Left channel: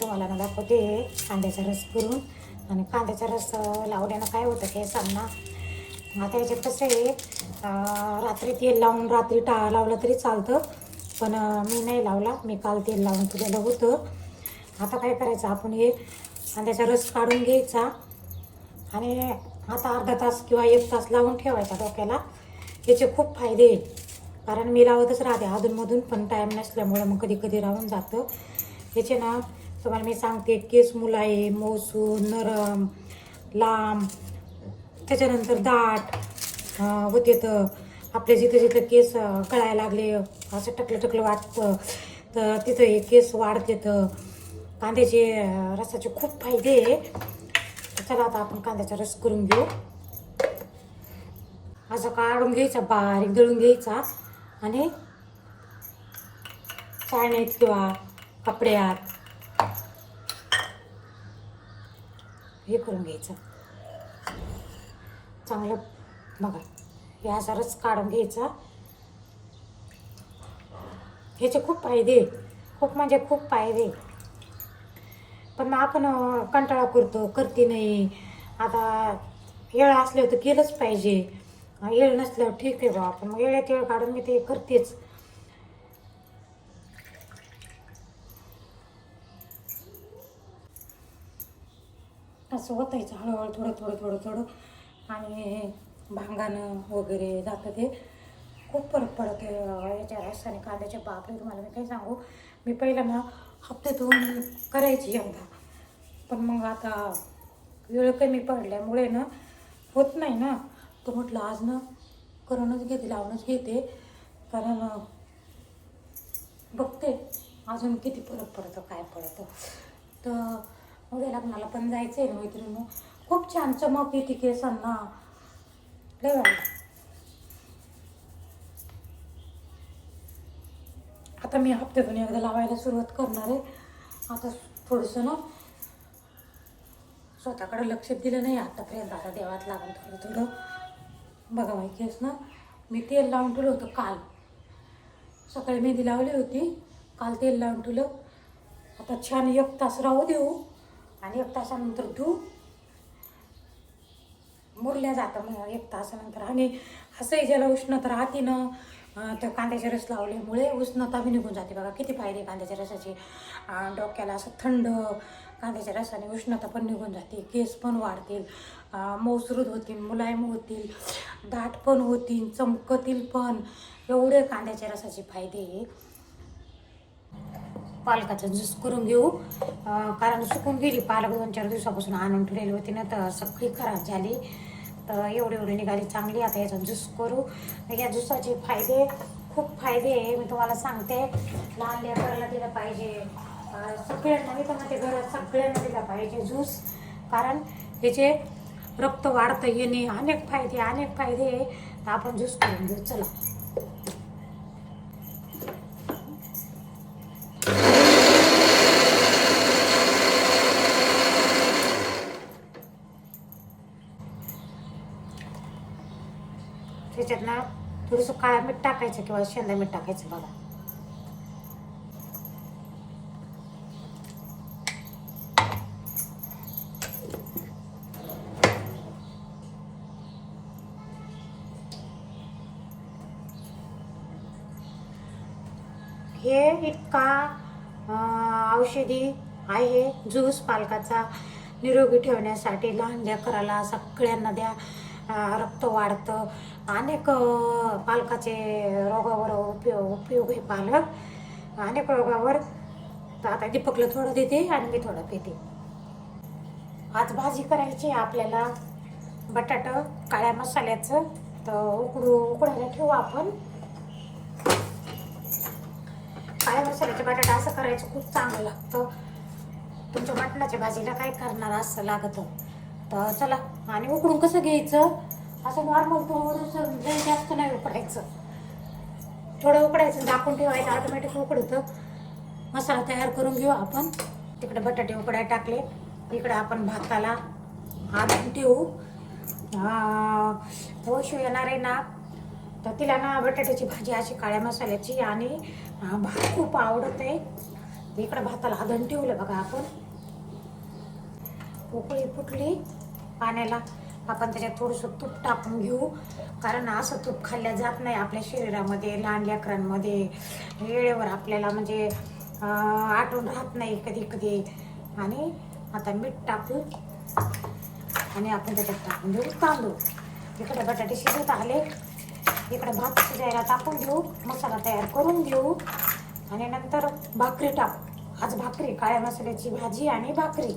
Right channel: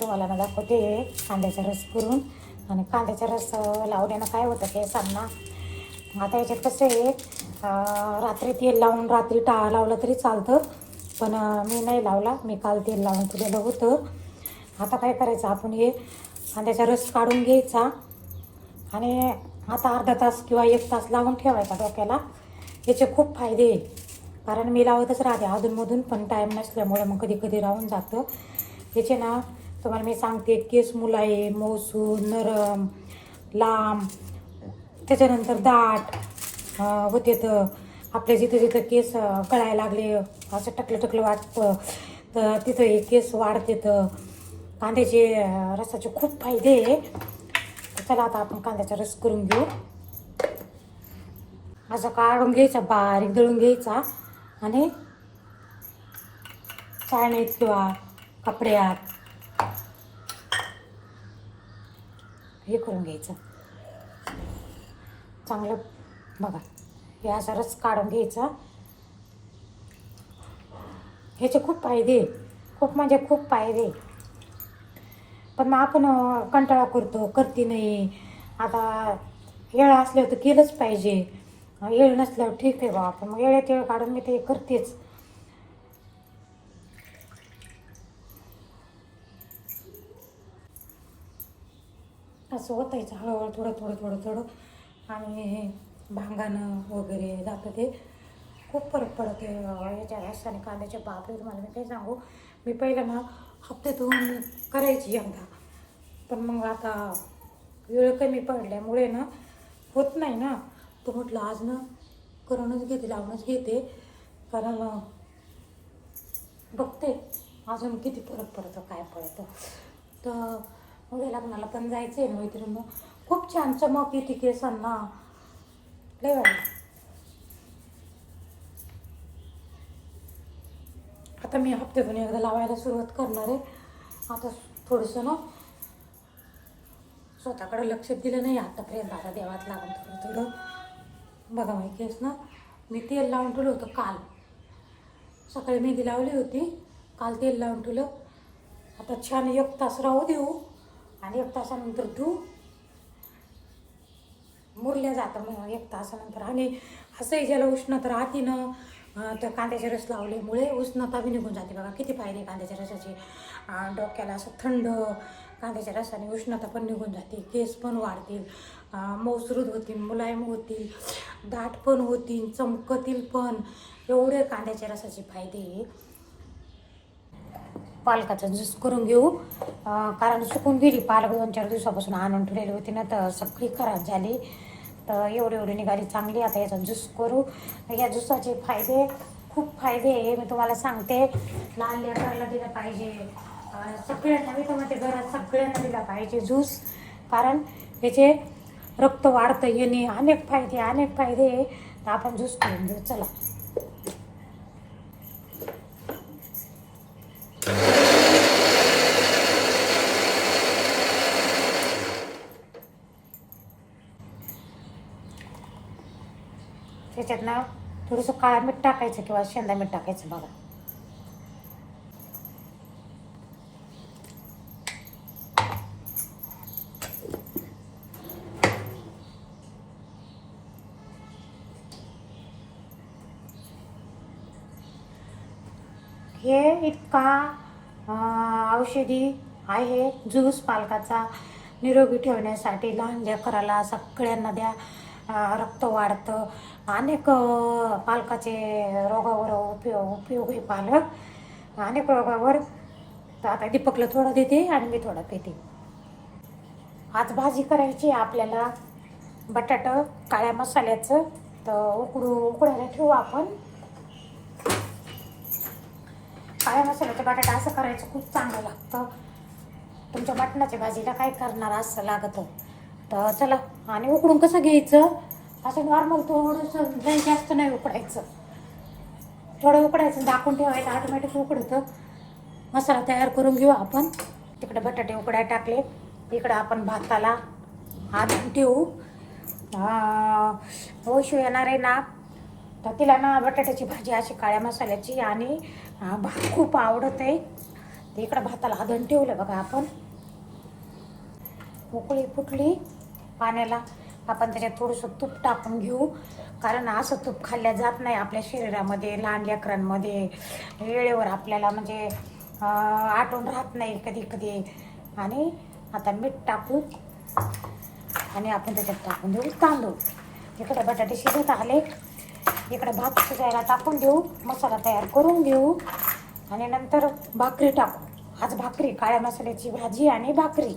तुम्हाला ना दाखवते कांद्याचा रस करून. आणि कांद्याचा रस लावल्यानं काय होतं केसांना, आता याच्यात कसं आहे, रात्री तेल लावून रात्री लावलं तरी चालतं, पण मी नाही लावला, मी काल तेल लावून ठेवलेलं होतं. आता काय करायचं, आपण हे कांद्याचा रस काढून घ्यायचा आणि आता अर्धा तास किंवा 1 तास लावून ठेवायचा डोक्याला. याचे खूप फायदे आहे, कारण मी लावतच राहते अधूनमधून, पण टाईम नसल्यामुळे मग कधी कधी राहून जातं. याचे ना तुम्हाला मी सांगते, केस मुलायम, मऊसूद, नरम, लांब, त्याच्यानंतर दाट होते. तर आपल्या जिथं जिथं केस गळायला लागले, असं टकलं टकलं वाटतं, तर तिथं हे केस वाढते. तर कांद्याचे रसाचे खूप फायदे आहे. चला आता आपण कांद्याचा रस करून घेऊ. असं काढून घ्यायचा, बारीक दळून घ्यायचा आणि चाळणीत किंवा कपड्यात हे करून घ्यायचं चांगलं. बघा, हे असा रस काढून घ्यायचा. ह्याचे खूप फायदे, खूप म्हणजे खूप फायदे. पण मग आपण कंटाळा करते नाही. आता येळ असल्यावर तर केलंच पाहिजे, येळ नसल्यावर ठीक आहे बाबा, पण मग येळेत येळ काढून मी ते करतेच. असं होतायचं हळूहळू, थोडं थोडं थोडं थोडं, आणि भांगानं वगैरे जातं. ते खूप फरक पडतो याच्या रसाने कांद्याच्या. बापरे, तुम्हाला मी काही सांगू, मी पहिलं ना हप्त्यातून करायची एकदा, पण मग आता वेळ कमी पडल्यामुळे ना होत नाही ना, तर म्हटलं आज ना करूनच घेते, लावूनच घेते, कारण बघते अजून किती फरक पडतं, काय पडतं. तर उद्या लग्नाला पण जायचं आहे मैत्रिणी. खूप छान चमक येते केसांना, लय भारी. आता मी हप्त्यातून एकदा लावायला सुरुवात करणार आहे. आता थोडंसं ना स्वतःकडे लक्ष दिलं नाही आतापर्यंत, आता देवात लागून थोडं थोडं. बघा माहिती केस ना, मी तेल लावून ठेवलं होतं काल, सकाळी मेहंदी लावली होती, काल तेल लावून ठेवलं. आता छान 1 तास राहू देऊ आणि 1 तासानंतर धू, मुरल्या जातं मग 1 तासानंतर. आणि असंही ज्याला उष्णता राहते ना, तर कांद्याचे रस लावल्यामुळे उष्णता बी निघून जाते. बघा किती फायदे कांद्याच्या रसाचे. डोक्याला असं थंड, कांद्याच्या रसाने उष्णता पण निघून जाते, केस पण वाढतील, मऊसूद होतील, मुलायम होतील, दाट पण होतील, चमकतील पण. एवढे कांद्याच्या रसाचे फायदे आहे. पालकाचा ज्यूस करून घेऊ, कारण सुकून गेली पालक, 2-4 दिवसापासून आणून ठेवलेली होती ना, तर सगळी खराब झाली. तर एवढी निघाली चांगली. आता याचा ज्यूस करू. या ज्यूसाचे फायदे, खूप फायदे आहे, मी तुम्हाला सांगते. लहान लेकराला दिलं पाहिजे, सगळ्यांना, मी तुम्हाला घरात सगळ्यांना दिला पाहिजे ज्यूस, कारण याचे रक्त वाढतं येणे, अनेक फायदे आहे. तर आपण ज्यूस करून घेऊ. चला, त्याच्यात ना थोडंसं काळं मीठ टाकायचं किंवा शेंदा मीठ टाकायचं. बघा, हे इतका औषधी आहे ज्यूस पालकाचा, निरोगी ठेवण्यासाठी. लहान लेकराला सगळ्यांना द्या, रक्त वाढतं. अनेक पालकाचे रोगावर उपयोग आहे पालक, अनेक रोगावर. तर आता दीपकला थोडं देते आणि मी थोडं पिते. आज भाजी करायची आपल्याला, बटाटा काळ्या मसाल्याचं. तर उकडायला ठेवू आपण. काळ्या मसाल्याचे बटाटा असं करायचं, खूप चांगलं लागतं. तुमच्या मटणाच्या भाजीला काय करणार असं लागतं. तर चला, आणि उकडून कसं घ्यायचं, असं नॉर्मल थोडंसं, जास्त नाही उकडायचं, थोडं उकडायचं, झाकून ठेवायचं, ऑटोमॅटिक उकडतं. मसाला तयार करून घेऊ आपण. तिकडे बटाटे उकडायला टाकले, इकडं आपण भाताला आणून ठेवू. वैशू येणार आहे ना, तर तिला ना बटाट्याची भाजी अशी काळ्या मसाल्याची आणि भात खूप आवडत आहे. इकडं भाताला हादून ठेवलं बघा आपण. उकळी फुटली पाण्याला, आपण त्याच्यात थोडंसं तूप टाकून घेऊ, कारण असं तूप खाल्ल्या जात नाही आपल्या शरीरामध्ये. लहान लेकरांमध्ये वेळेवर आपल्याला म्हणजे आठवण राहत नाही कधी कधी. आणि आता मीठ टाकू आणि आपण त्याच्यात टाकून देऊ तांदूळ. इकडे बटाटे शिजत आले, इकडे भात शिजायला टाकून देऊ, मसाला तयार करून घेऊ आणि नंतर भाकरी टाकू. आज भाकरी, काळ्या मसाल्याची भाजी आणि भाकरी.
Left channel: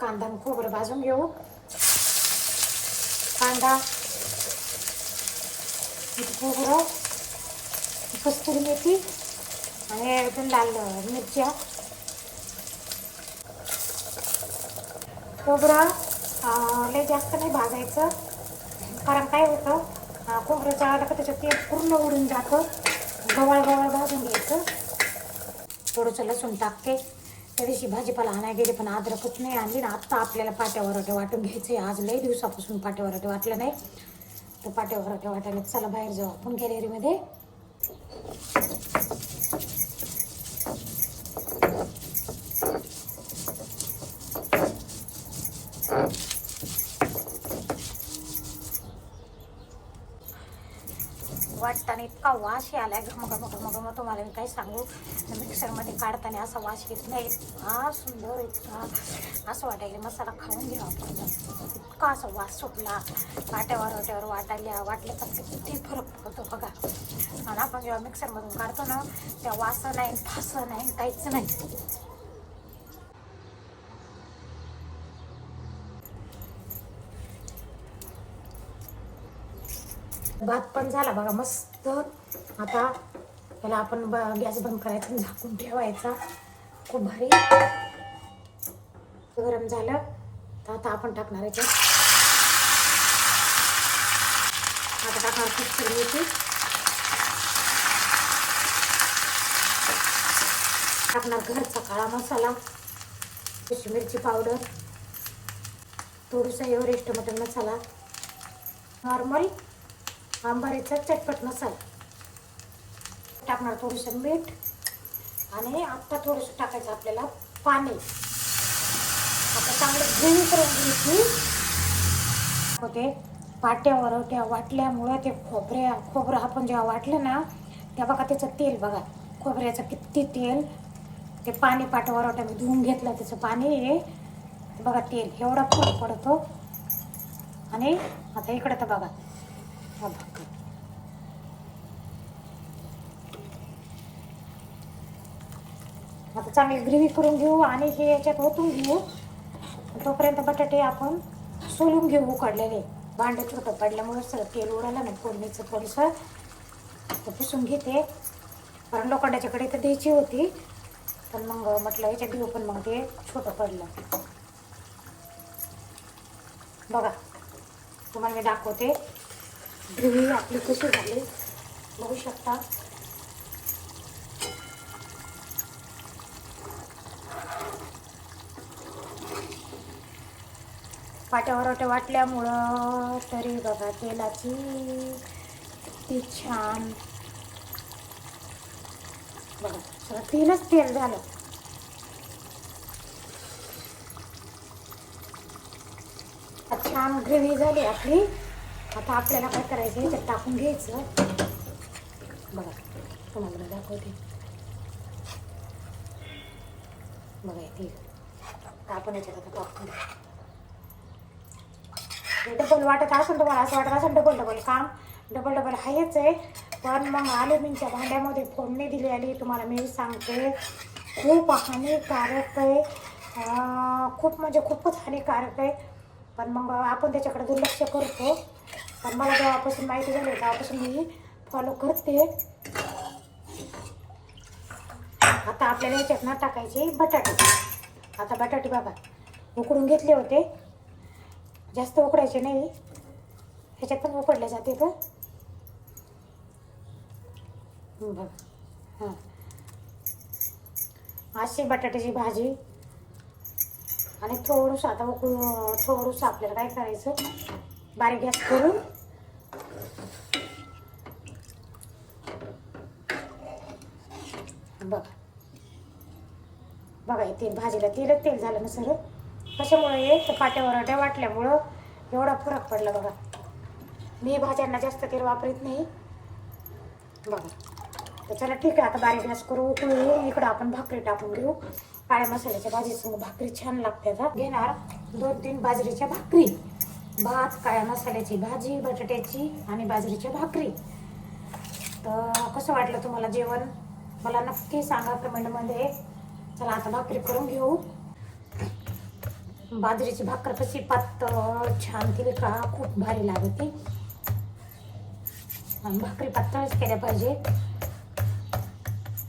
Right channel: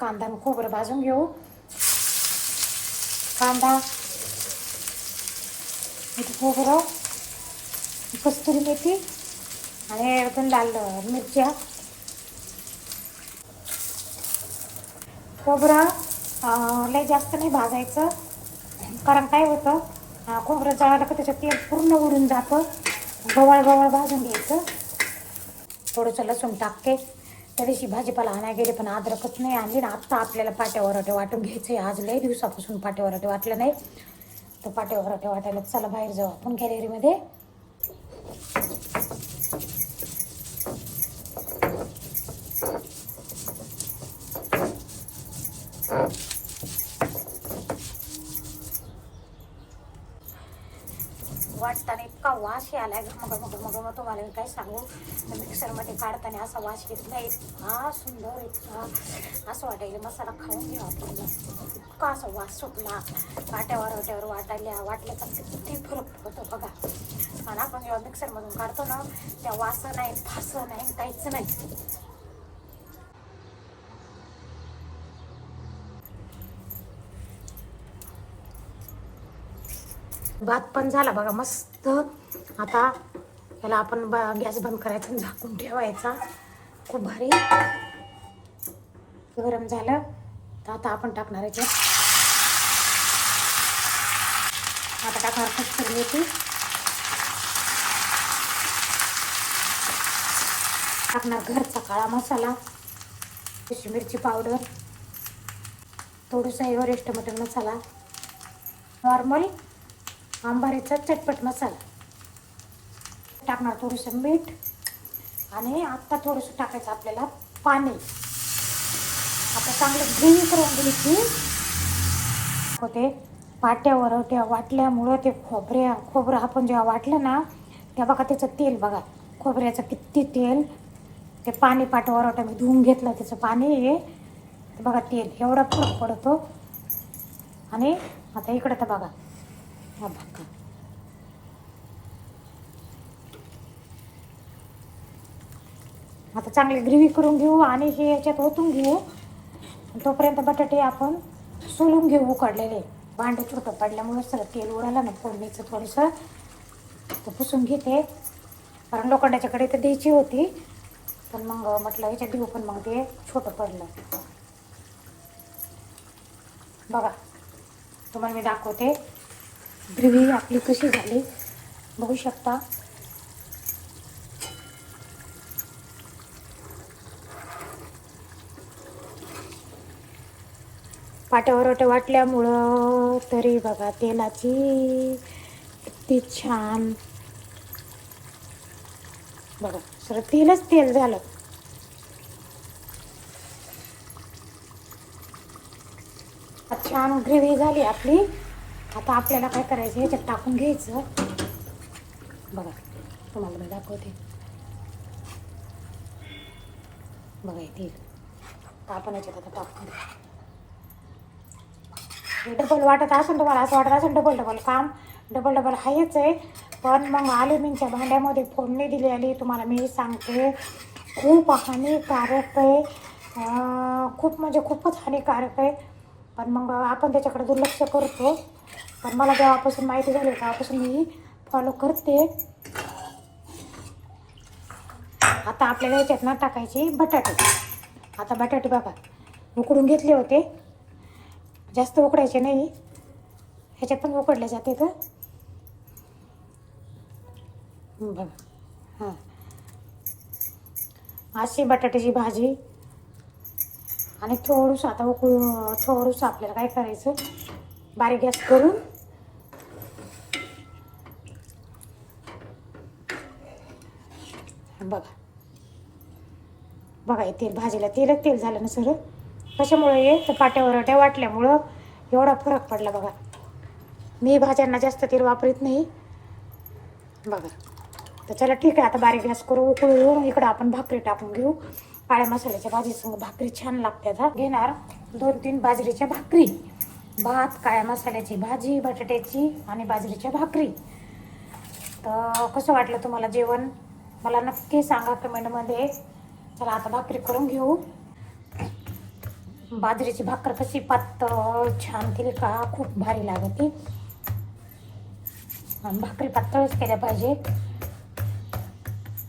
कांदा व खोबरं भाजून घेऊ. कांदा, खोबरं, कस्तुरी मेथी आणि एकदम लाल मिरच्या. खोबरं लय जास्त नाही भाजायचं, कारण काय होतं खोबरं जळालं का त्याचं तेल पूर्ण उडून जातं. गवळ गवळ भाजून घ्यायचं. थोडंसं लसूण टाकते. त्या दिवशी भाजीपाला आणायला गेले पण अद्रकच नाही आणली ना. आत्ता आपल्याला पाट्या वराटे वाटून घ्यायचे. आज लय दिवसापासून पाट्या वराटे वाटलं नाही, तर पाट्या वराटे वाटायला चला बाहेर जाऊ आपण गॅलरीमध्ये. वाटताना इतका वास आलाय घमघम, तुम्हाला मी काय सांगू. मिक्सरमध्ये काढताना असा वास येत नाही. इतका सुंदर, इतका असं वाटायला मसाला खाऊन घ्या आपण. इतका असा वास सुटला. वाट्यावर वाटलं तर किती फरक पडतो बघा. आणि आपण जेव्हा मिक्सरमधून काढतो ना, त्या वास नाही, फास नाही, काहीच नाही. भात पण झाला बघा मस्त. आता त्याला आपण गॅस बंद करायचा, झाकून ठेवायचा. खूप भारी गरम झालं तर आता आपण टाकणार आहे. आता टाकणार कस्तुरी मेथी, टाकणार घरचा काळा मसाला, कशी मिरची पावडर, थोडंसं एव्हरेस्ट मटन मसाला, नॉर्मल आंबारीचा चटपट मसाला. टाकणार थोडंसं मीठ आणि आता थोडंसं टाकायचं आपल्याला पाणी. आता चांगलं धुवून करून घ्यायची. होते पाट्यावर त्या वाटल्यामुळं ते खोबरं आपण जेव्हा वाटलं ना, तेव्हा बघा त्याचं तेल बघा, खोबऱ्याचं किती तेल. ते पाणी पाट्यावर मी धुवून घेतलं, त्याचं पाणी आहे बघा, तेल एवढा फरक पडतो. आणि आता इकडं तर बघा, आता चांगली ग्रेव्ही करून घेऊ आणि हे याच्यात ओतून घेऊ. तोपर्यंत बटाटे आपण सोलून घेऊ उकडलेले. भांडं छोटं पडल्यामुळे सर तेल उडलं नाही, पडवीचं थोडंसं पुसून घेते, कारण लोखंडाच्या कडे तर द्यायची होती, पण मग म्हटलं ह्याच्यात देऊ, पण मग ते छोटं पडलं. बघा तुम्हाला मी दाखवते ग्रेव्ही आपली कशी झाली, बघू शकता. पाट्यावर वाटल्यामुळं तरी बघा तेलाची किती छान बघा, सर तेलच तेल झालं. छान ग्रेव्ही झाली आपली. आता आपल्याला काय करायचं, ह्याच्यात टाकून घ्यायचं. बघा तुम्हाला दाखवते, बघा तेल आपण याच्यात आता टाकून. डबल वाटत असेल तुम्हाला, असं वाटत असेल डबल काम, डबल आहेच आहे. पण मग अल्युमिनियमच्या भांड्यामध्ये फोडणी दिलेली तुम्हाला मी सांगते खूप हानिकारक आहे. खूप म्हणजे खूपच हानिकारक आहे. पण मग आपण त्याच्याकडे दुर्लक्ष करतो. पण मला जेव्हापासून माहिती झाली तेव्हापासून मी फॉलो करते. आता आपल्याला याच्यात ना टाकायची बटाटे. आता बटाटे बघा उकडून घेतले होते, जास्त उकडायचे नाही, ह्याच्यात पण उकडले जाते तर बघा. हां अशी बटाट्याची भाजी. आणि थोडंसं आता थोडंसं आपल्याला काय करायचं, बारीक गॅस करून बघा बघा, हे तेल भाजीला तेल झालं ना सर. त्याच्यामुळे हे काट्या वाटल्यामुळं एवढा फरक पडला बघा. मी भाज्यांना जास्त तेल वापरत नाही बघा. तर चला ठीक आहे, आता बारीक गॅस करू, उकळू. इकडं आपण भाकरी टाकून घेऊ. काळ्या मसाल्याच्या भाजीसंग भाकरी छान लागते. घेणार 2-3 बाजरीच्या भाकरी, भात, काळ्या मसाल्याची भाजी, बटाट्याची आणि बाजरीच्या भाकरी. तर कसं वाटलं तुम्हाला जेवण मला नक्की सांगा कमेंटमध्ये. चला आता भाकरी करून घेऊ. बाजरीची भाकर कशी पातळ छान केली का खूप भारी लागते. भाकरी पातळच केल्या पाहिजे.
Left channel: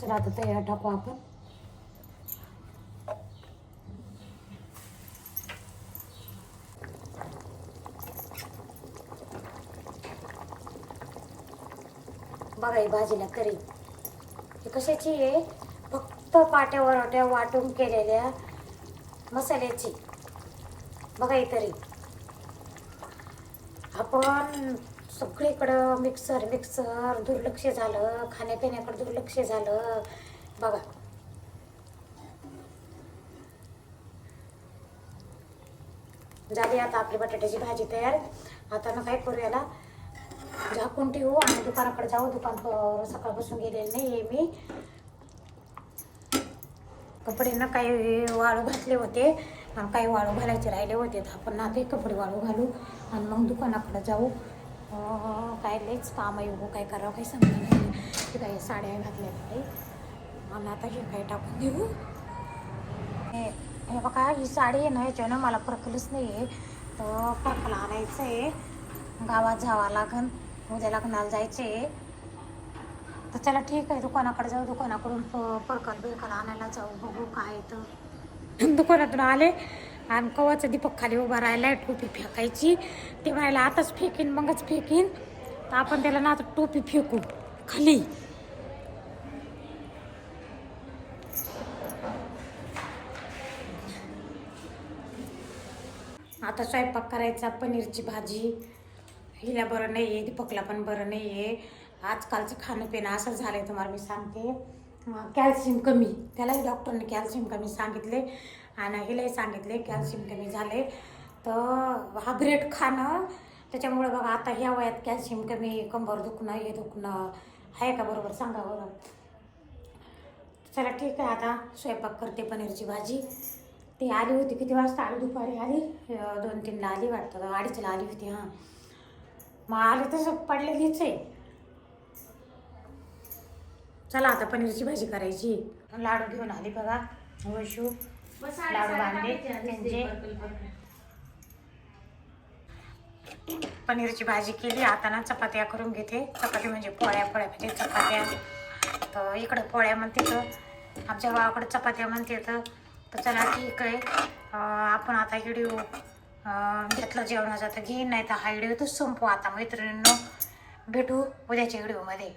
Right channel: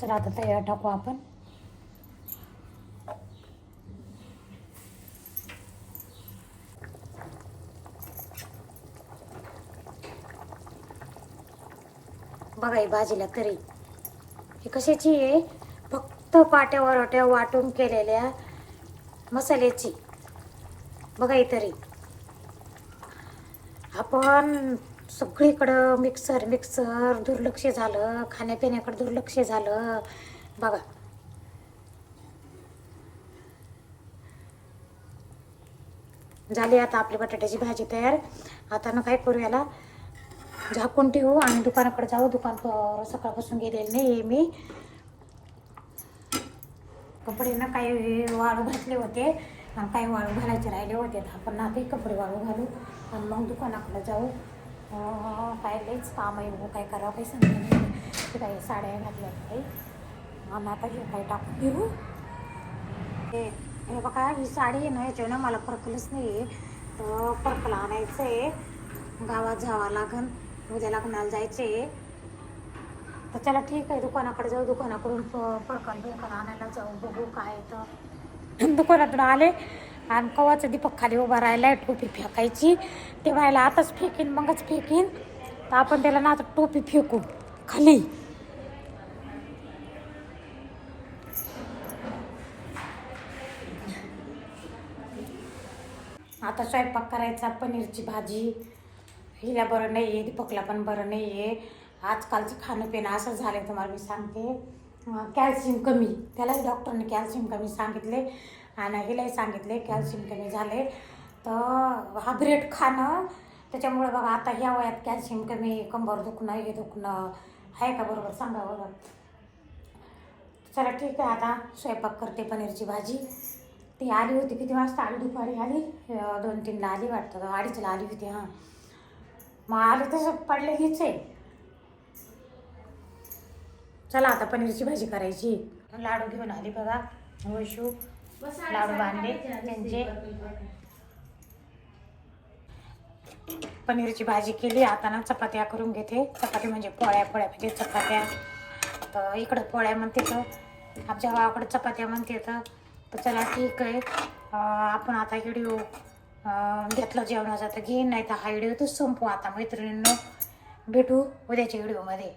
चला आता तयार टाकू आपण. बघा ही भाजीला तरी ही कशाची आहे, फक्त पाट्या वाटून केलेल्या मसाल्याची. बघा ही तरी आपण सगळीकडं मिक्सर दुर्लक्ष झालं, खाण्यापिण्याकडे दुर्लक्ष झालं बघा. झाली आता आपली बटाट्याची भाजी तयार. आता ना काय करू, याला झाकून ठेवू आणि दुकानाकडे जाऊ. दुकान सकाळपासून गेले नाही मी. कपडे ना काही वाळू घातले होते आणि काही वाळू घालायचे राहिले होते. आपण आता कपडे वाळू घालू आणि मग दुकानाकडे जाऊ. काय लईच काम आहे हो, काय करावं काही समजलं नाही. ते काही साड्या घातल्या काही आणि आता हे काही टाकून देऊ. हे बघा ही साडी आहे ना, याच्यानं मला परकलंच नाही आहे. तर परकला आणायचं आहे, गावात जावं लागन, उद्या लग्नाला जायचं आहे. तर चला ठीक आहे, दुकानाकडे जाऊ. दुकानाकडून परकल आणायला जाऊ. बघू काय. तर दुकानातून आले आणि कवाचं दीपक खाली उभा राहिला, टोपी फेकायची. ते व्हायला आताच फेकीन मगच फेकीन. तर आपण त्याला ना आता टोपी फेकू खाली. आता स्वयंपाक करायचा. पनीरची भाजी. हिला बरं नाही आहे, दीपकला पण बरं नाही आहे. आजकालचं खाणं पिणं असं झालं आहे तुम्हाला मी सांगते. कॅल्शियम कमी, त्यालाही डॉक्टरने कॅल्शियम कमी सांगितले आणि हिलाही सांगितले कॅल्शियम कमी झाले. तर हा ब्रेड खाणं, त्याच्यामुळे बघा आता ह्या वयात कॅल्शियम कमी, कंबर दुखणं, हे दुखणं आहे का बरोबर सांगा बरं. चला ठीक आहे, आता स्वयंपाक करते. पनीरची भाजी. ती आली होती किती वाजता आली, दुपारी आली, 2-3ला आली वाटतं, 2:30ला आली होती. हां मग आले तसं पडलेलीच आहे. चला आता पनीरची भाजी करायची. लाडू घेऊन आली बघा, वैशू लाडू बांधले त्यांचे. पनीरची भाजी केली. आता ना चपात्या करून घेते. चपाती म्हणजे पोळ्या चपात्या. तर इकडं पोळ्या म्हणते, तर आमच्या गावाकडे चपात्या म्हणते. तर चला ठीक आहे, आपण आता व्हिडिओ घेतला जेवणाचा तर घेईन, नाही तर हा व्हिडिओ तर संपू. आता मैत्रिणींनो भेटू उद्याच्या व्हिडिओमध्ये.